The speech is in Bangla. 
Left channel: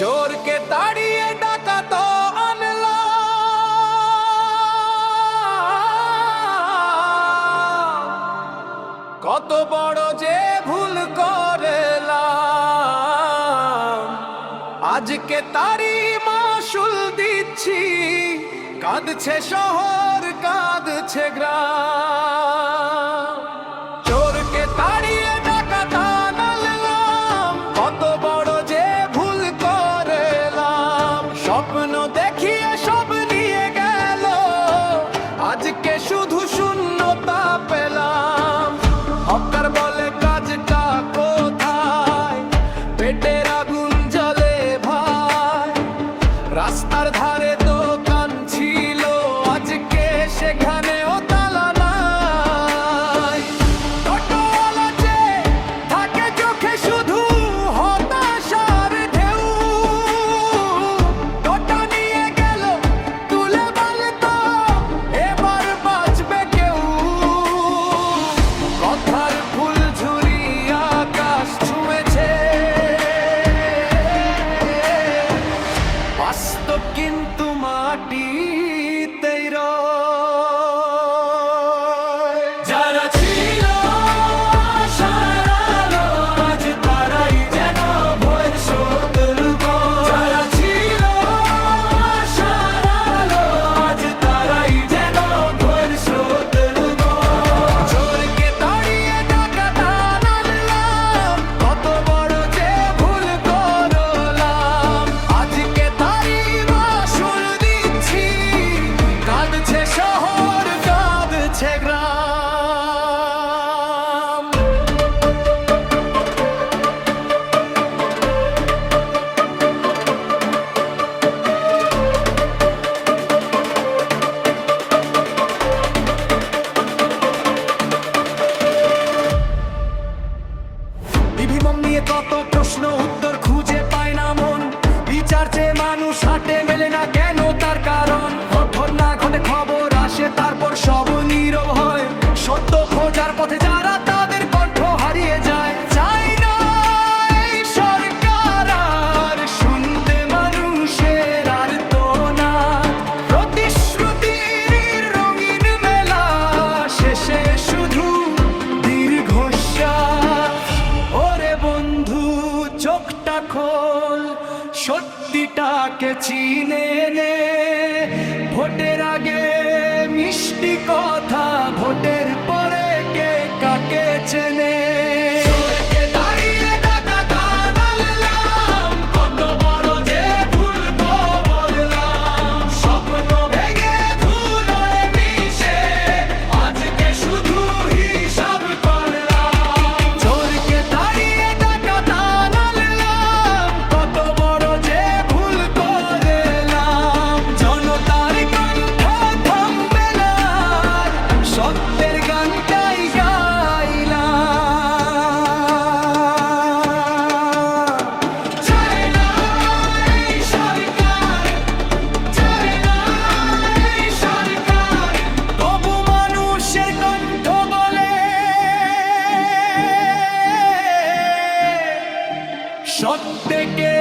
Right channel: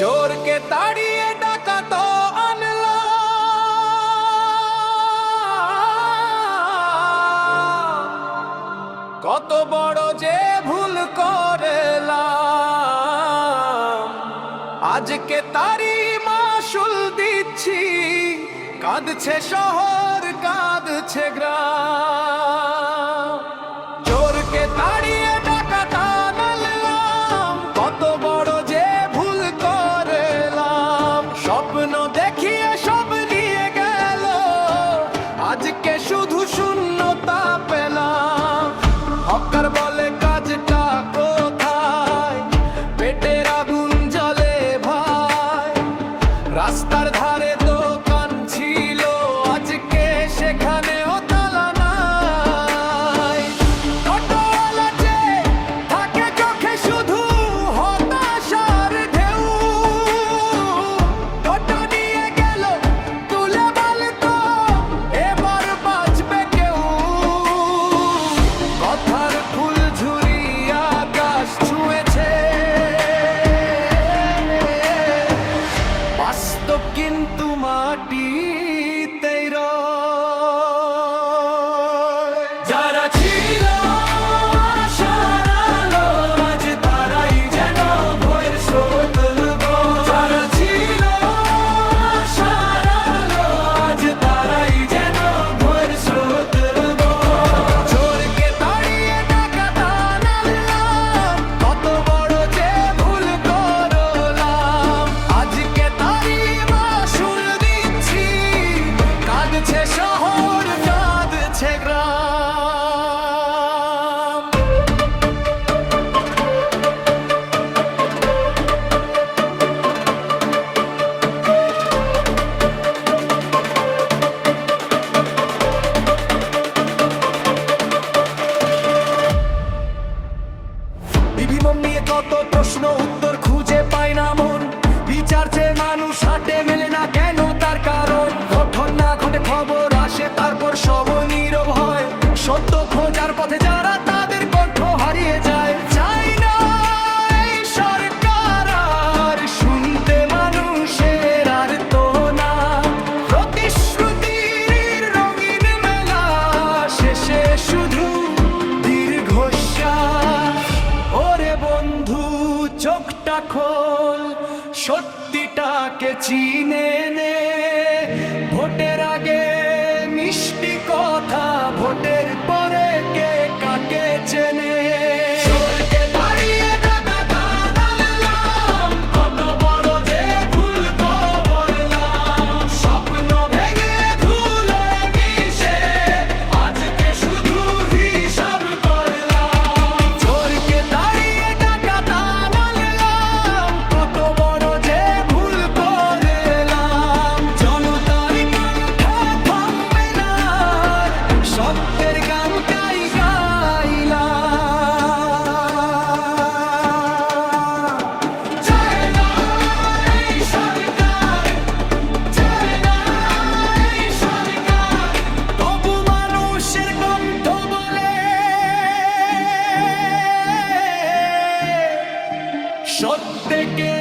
চোরকে তাড়িয়ে ডাকাত আনলাম, কত বড় যে ভুল করলাম। আজকে তারি মাসুল দিচ্ছি, কাঁদছে শহর কাঁদছে গ্রাম। চোরকে তাড়িয়ে ডাকাত আনলাম, কত বড় যে ভুল করলাম। স্বপ্ন দেখিয়ে সব নিয়ে গেল, আজকে শুধু শূন্যতা পেলাম। হকার বলে কাজটা কোথায়, পেটের আগুন জ্বলে ভাই। রাস্তার ধারে দোকান ছিল, আজকে সেখানেও তালা নাই। টোটোওয়ালা যে থাকে চোখে শুধু হতাশার ঢেউ, টোটো নিয়ে গেল তুলে বলতো এবার বাঁচবে কেউ। কথার ফুল ঝুরি আকাশ ছুঁয়েছে, বাস্তব কিন্তু মাটিতেই রয়। যারা ছিল আশার আলো, আজ তারাই যেন ভয়ের শত্রু। যারা ছিল আশার আলো, আজ তারাই যেন ভয়ের শত্রু। চোরকে তাড়িয়ে ডাকাত আনলাম, কত বড় যে ভুল করলাম। আজকে তারি মাসুল দিচ্ছি, কাঁদছে শহর কাঁদছে গ্রাম। বিভিন্ন নিয়ে কত প্রশ্ন, উত্তর খুঁজে পায় না মন। বিচার চেয়ে মানুষ হাটে, মেলে না কেন তার কারণ। ঘটনা ঘটে, খবর আসে, তারপর সব নীরব হয়। সত্য খোঁজার পথে যারা, তাদের কণ্ঠ হারিয়ে যায়। চাই না এই সরকার আর শুনতে মানুষের আর তো না। প্রতিশ্রুতির রঙিন মেলা শেষে শুধু দীর্ঘশ্বাস। ওরে বন্ধু চোখটা খোল, সত্যিটাকে চিনে নে। ভোটের আগে মিষ্টি কথা, ভোটের পরে কে কাকে চেনে। চোরকে তাড়িয়ে ডাকাত আনলাম, কত বড় যে ভুল করলাম। স্বপ্ন ভেঙে ধুল হয়ে মিশে, আজকে শুধু হিসাব করলাম। চোরকে তাড়িয়ে ডাকাত আনলাম, কত বড় যে ভুল করলাম। জনতার কণ্ঠ থামবে না, আর সত্যের গানটাই গাইলাম। চাই না এই সরকার, চাই না এই সরকার, তবু মানুষের কণ্ঠ বলে সত্যকে